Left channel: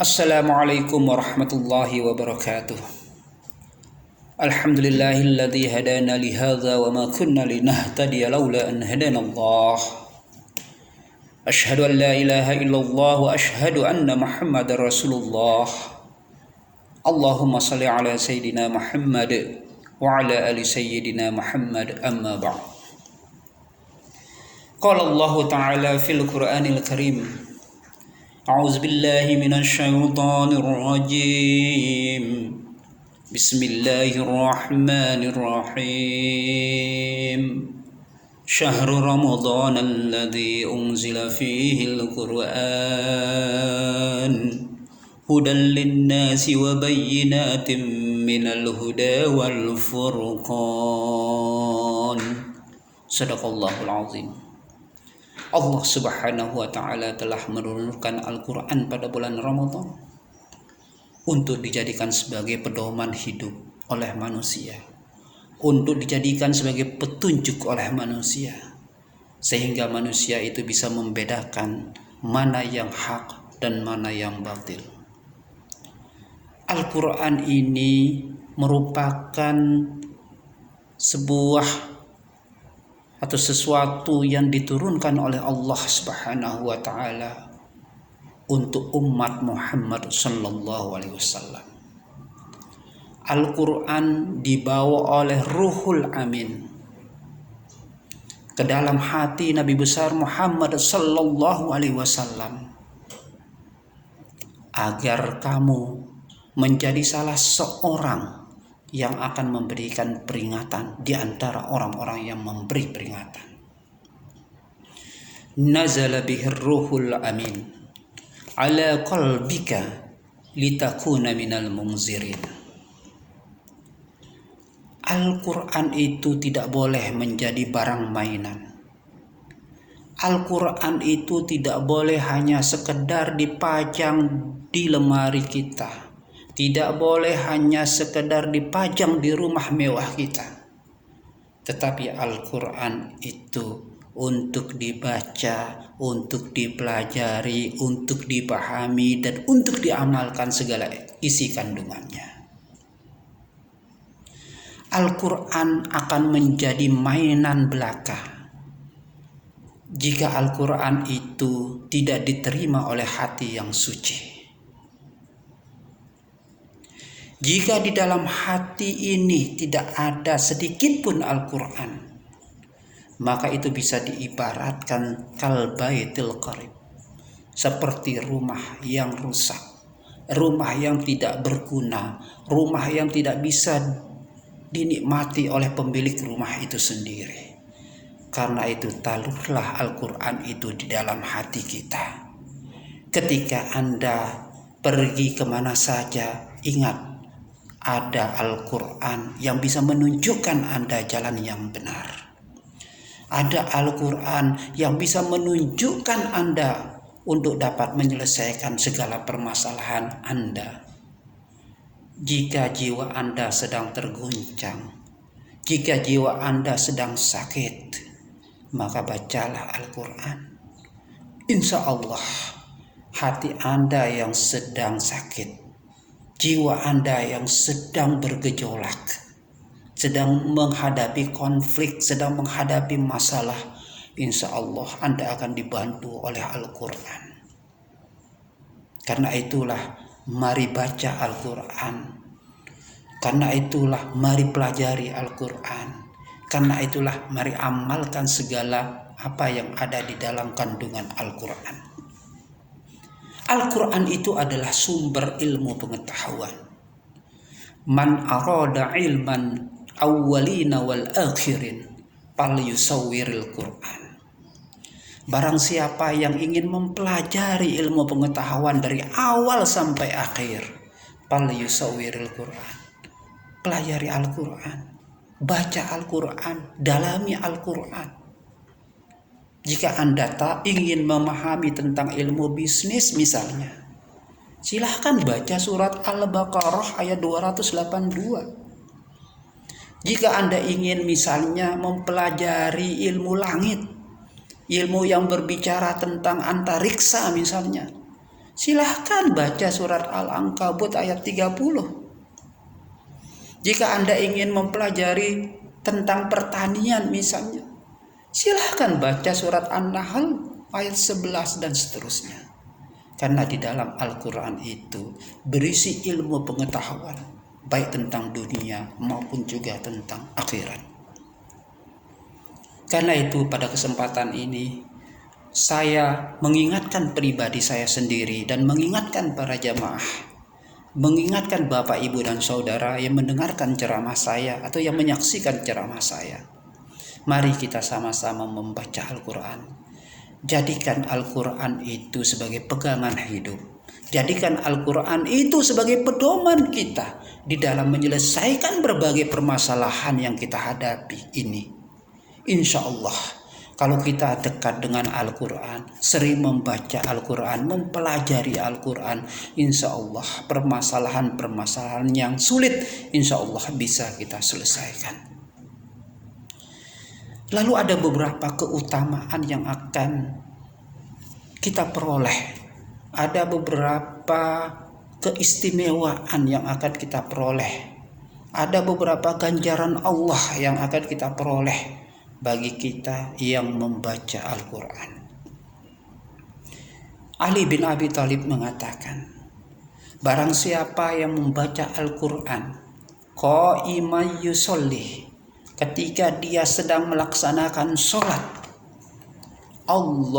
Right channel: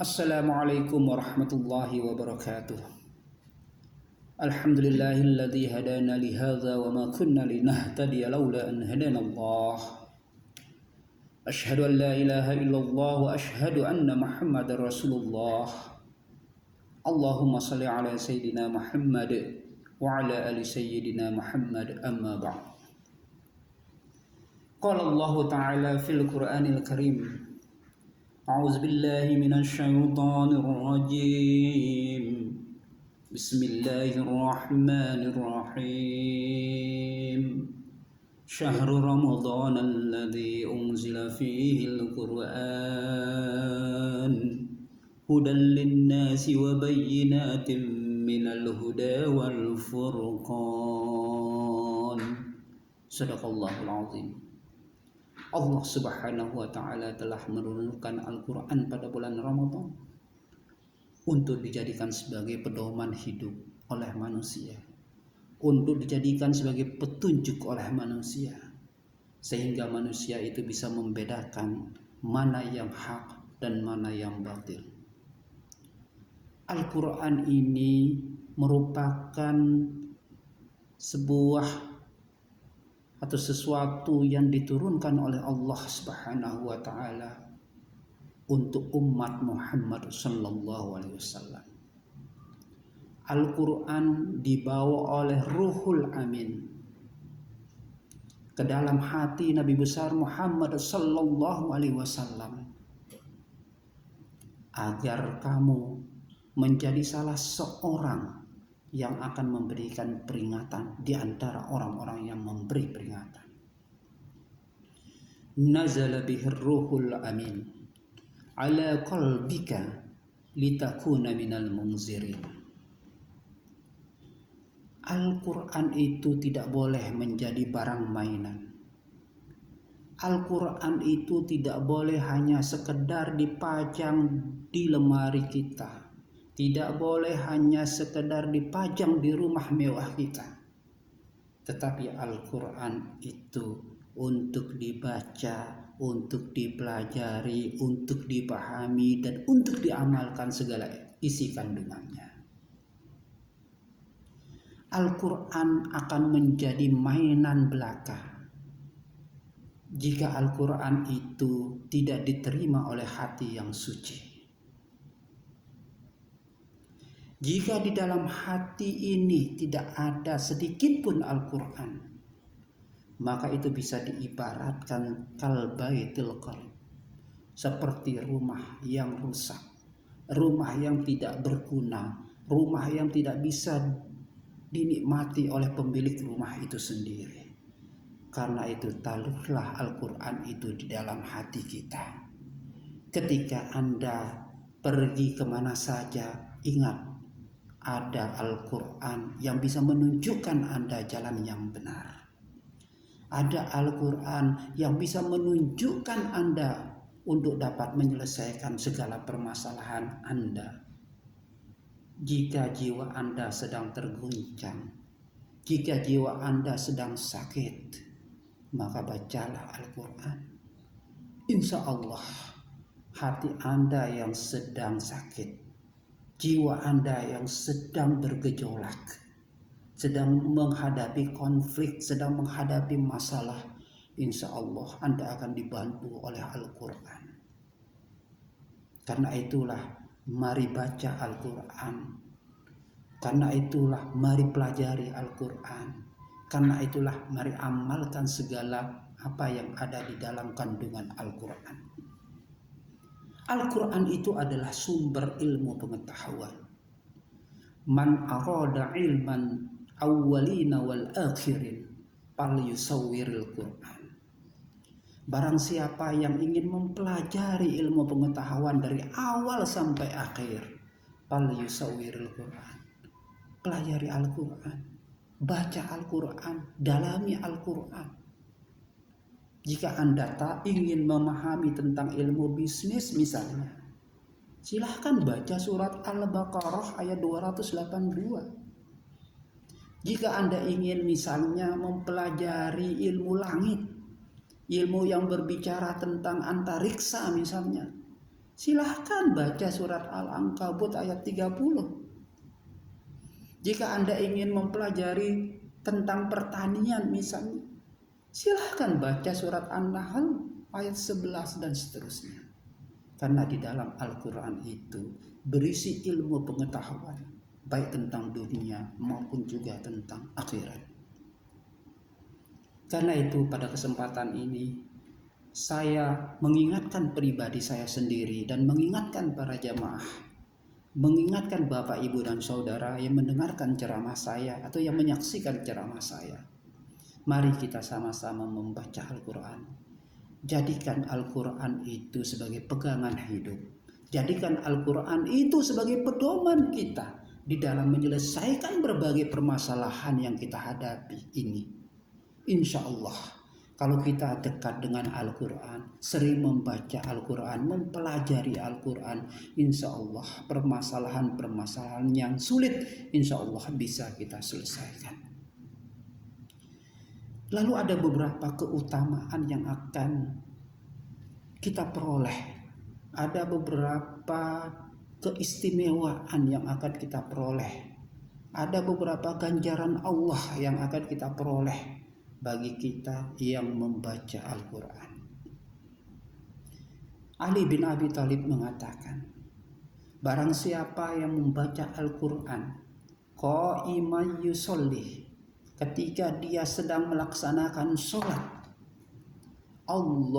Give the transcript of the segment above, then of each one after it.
Assalamualaikum warahmatullahi wabarakatuh. Alhamdulillahilladzi hadana li hadza wa ma kunna linahtadiya laula an hadana Allah. Asyhadu an la ilaha illallah wa asyhadu anna Muhammadar Rasulullah. Allahumma shalli ala sayyidina Muhammad wa ala ali sayyidina Muhammad amma ba'd. Qala Allah ta'ala fil Qur'anil Karim. A'udzu billahi minasy syaithanir rajim. Bismillahirrahmanirrahim. Syahrul Ramadan alladzi unzila fihi al-Qur'an hudan lin-nasi wa bayyinatin minal huda wal furqan. Shadaqallahul azim. Allah Subhanahu wa Ta'ala telah menurunkan Al-Quran pada bulan Ramadan untuk dijadikan sebagai pedoman hidup oleh manusia, untuk dijadikan sebagai petunjuk oleh manusia, sehingga manusia itu bisa membedakan mana yang hak dan mana yang batil. Al-Quran ini merupakan sebuah atau sesuatu yang diturunkan oleh Allah Subhanahu wa Ta'ala untuk umat Muhammad sallallahu alaihi wasallam. Al-Quran dibawa oleh Ruhul Amin ke dalam hati Nabi besar Muhammad sallallahu alaihi wasallam agar kamu menjadi salah seorang yang akan memberikan peringatan di antara orang-orang yang memberi peringatan. Nazala bihir ruhul amin ala qalbika litakuna minal munzirin. Al-Quran itu tidak boleh menjadi barang mainan. Al-Quran itu tidak boleh hanya sekedar dipajang di lemari kita, tidak boleh hanya sekedar dipajang di rumah mewah kita. Tetapi Al-Quran itu untuk dibaca, untuk dipelajari, untuk dipahami, dan untuk diamalkan segala isi kandungannya. Al-Quran akan menjadi mainan belaka jika Al-Quran itu tidak diterima oleh hati yang suci. Jika di dalam hati ini tidak ada sedikit pun Al-Quran, maka itu bisa diibaratkan kal baitil qarib, seperti rumah yang rusak, rumah yang tidak berguna, rumah yang tidak bisa dinikmati oleh pemilik rumah itu sendiri. Karena itu taruhlah Al-Quran itu di dalam hati kita. Ketika Anda pergi kemana saja, ingat ada Al-Quran yang bisa menunjukkan Anda jalan yang benar. Ada Al-Quran yang bisa menunjukkan Anda untuk dapat menyelesaikan segala permasalahan Anda. Jika jiwa Anda sedang terguncang, jika jiwa Anda sedang sakit, maka bacalah Al-Quran. Insya Allah hati Anda yang sedang sakit, jiwa Anda yang sedang bergejolak, sedang menghadapi konflik, sedang menghadapi masalah, insya Allah Anda akan dibantu oleh Al-Quran. Karena itulah mari baca Al-Quran. Karena itulah mari pelajari Al-Quran. Karena itulah mari amalkan segala apa yang ada di dalam kandungan Al-Quran. Al-Quran itu adalah sumber ilmu pengetahuan. Man arada ilman awwalina wal akhirin fal yusawwiril Quran. Barang siapa yang ingin mempelajari ilmu pengetahuan dari awal sampai akhir, fal yusawwiril Quran. Pelajari Al-Quran, baca Al-Quran, dalami Al-Quran. Jika Anda tak ingin memahami tentang ilmu bisnis misalnya, silahkan baca surat Al-Baqarah ayat 282. Jika Anda ingin misalnya mempelajari ilmu langit, ilmu yang berbicara tentang antariksa misalnya, Silahkan baca surat Al-Ankabut ayat 30. Jika Anda ingin mempelajari tentang pertanian misalnya, silahkan baca surat An-Nahl ayat 11 dan seterusnya. Karena di dalam Al-Quran itu berisi ilmu pengetahuan, baik tentang dunia maupun juga tentang akhirat. Karena itu pada kesempatan ini saya mengingatkan pribadi saya sendiri dan mengingatkan para jamaah, mengingatkan Bapak, Ibu, dan Saudara yang mendengarkan ceramah saya atau yang menyaksikan ceramah saya. Mari kita sama-sama membaca Al-Quran. Jadikan Al-Quran itu sebagai pegangan hidup. Jadikan Al-Quran itu sebagai pedoman kita di dalam menyelesaikan berbagai permasalahan yang kita hadapi ini. Insya Allah, kalau kita dekat dengan Al-Quran, sering membaca Al-Quran, mempelajari Al-Quran, insya Allah permasalahan-permasalahan yang sulit, insya Allah bisa kita selesaikan. Lalu ada beberapa keutamaan yang akan kita peroleh. Ada beberapa keistimewaan yang akan kita peroleh. Ada beberapa ganjaran Allah yang akan kita peroleh bagi kita yang membaca Al-Quran. Ali bin Abi Thalib mengatakan, barang siapa yang membaca Al-Quran qa'iman yusolli, ketika dia sedang melaksanakan sholat, Allahu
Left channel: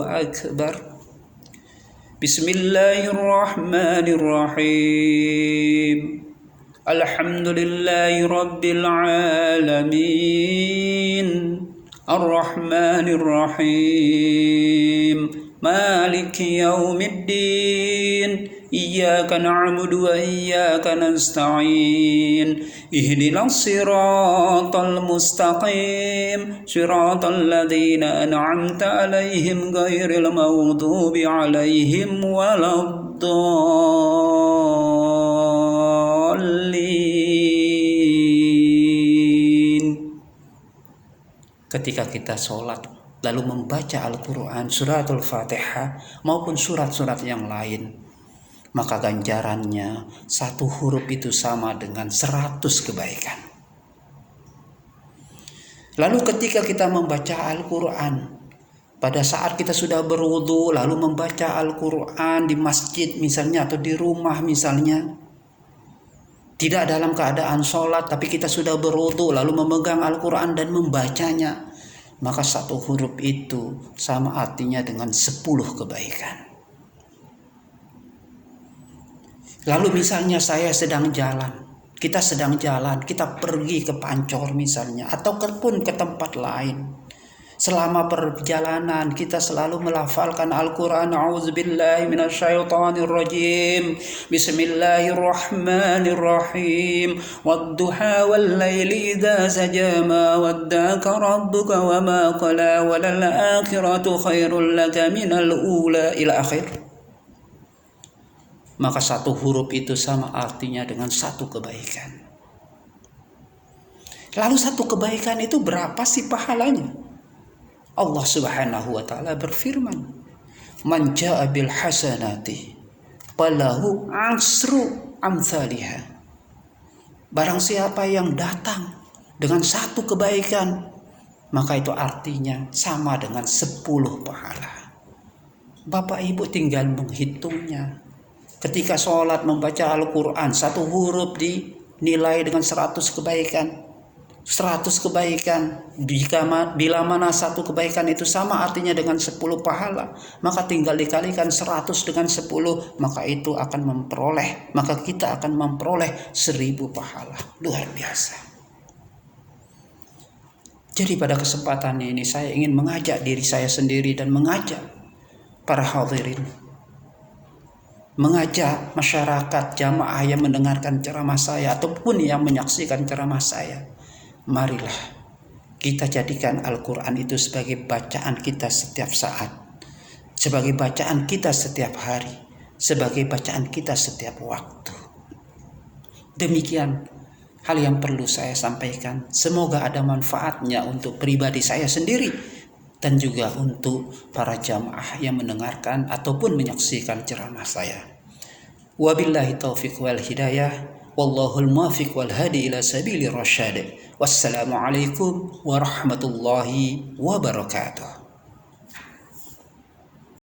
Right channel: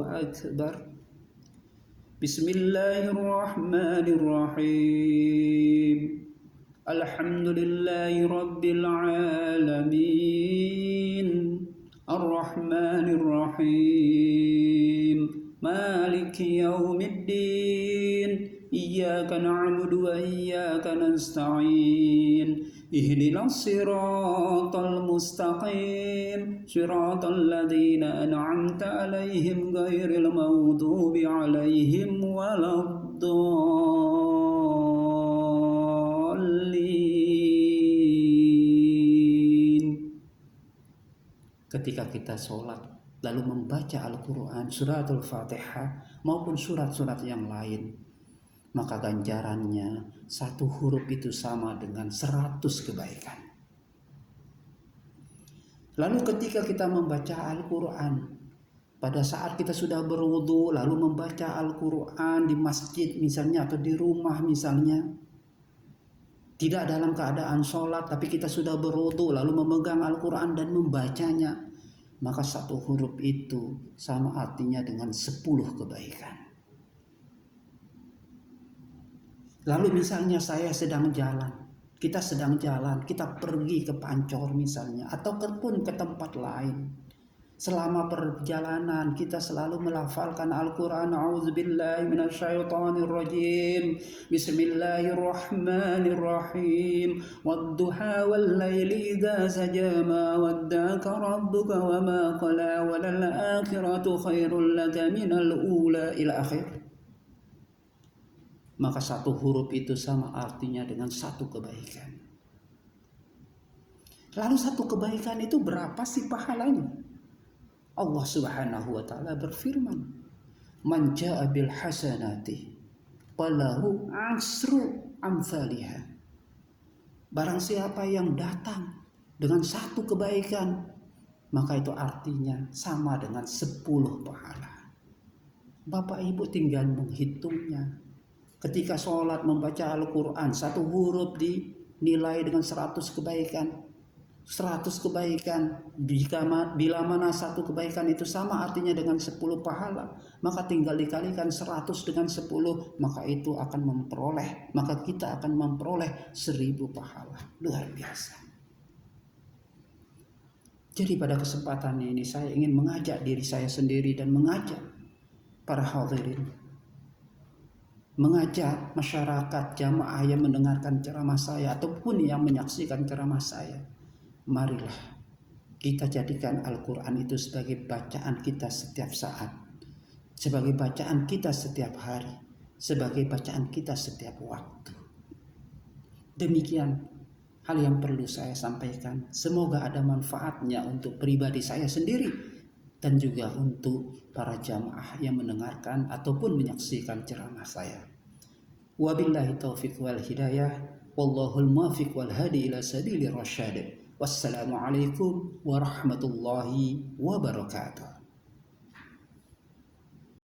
Akbar, Bismillahirrahmanirrahim, Alhamdulillahi Rabbil Alamin, Ar-Rahmanir Rahim, Maliki Yaumiddin, Iyyaka na'budu wa iyyaka nasta'in, Ihdinas siratal mustaqim, Siratal ladzina an'amta 'alaihim ghairil maghdubi 'alaihim waladdallin. Ketika kita sholat lalu membaca Al-Quran, suratul Fatihah maupun surat-surat yang lain, maka ganjarannya satu huruf itu sama dengan 100 kebaikan. Lalu ketika kita membaca Al-Quran, pada saat kita sudah berwudu lalu membaca Al-Quran di masjid misalnya atau di rumah misalnya, tidak dalam keadaan sholat tapi kita sudah berwudu lalu memegang Al-Quran dan membacanya, maka satu huruf itu sama artinya dengan 10 kebaikan. Lalu misalnya saya sedang jalan, kita sedang jalan, kita pergi ke Pancor misalnya, atau pun ke tempat lain. Selama perjalanan kita selalu melafalkan Al-Quran. A'udzubillahi minasyaitonirrajim. Bismillahirrahmanirrahim. Wadduha wal laili idza saja ma waddaka rabbuka wa ma qala walal akhiratu khairul laka minal ula, ila akhir. Maka satu huruf itu sama artinya dengan satu kebaikan. Lalu satu kebaikan itu berapa sih pahalanya? Allah Subhanahu wa taala berfirman, "Man jaa bil hasanati falahu asru amsalihha." Barang siapa yang datang dengan satu kebaikan, maka itu artinya sama dengan 10 pahala. Bapak Ibu tinggal menghitungnya. Ketika sholat membaca Al-Quran, satu huruf dinilai dengan 100 kebaikan. 100 kebaikan. Bila mana satu kebaikan itu sama artinya dengan 10 pahala, maka tinggal dikalikan 100 dengan 10, maka itu akan memperoleh, maka kita akan memperoleh 1000 pahala. Luar biasa. Jadi pada kesempatan ini saya ingin mengajak diri saya sendiri dan mengajak para hadirin, mengajak masyarakat jamaah yang mendengarkan ceramah saya ataupun yang menyaksikan ceramah saya. Marilah kita jadikan Al-Quran itu sebagai bacaan kita setiap saat, sebagai bacaan kita setiap hari, sebagai bacaan kita setiap waktu. Demikian hal yang perlu saya sampaikan. Semoga ada manfaatnya untuk pribadi saya sendiri dan juga untuk para jamaah yang mendengarkan ataupun menyaksikan ceramah saya. Wabillahi taufiq wal hidayah, wallahul muwaffiq wal hadi ila sabili rasyad. Wassalamualaikum warahmatullahi wabarakatuh.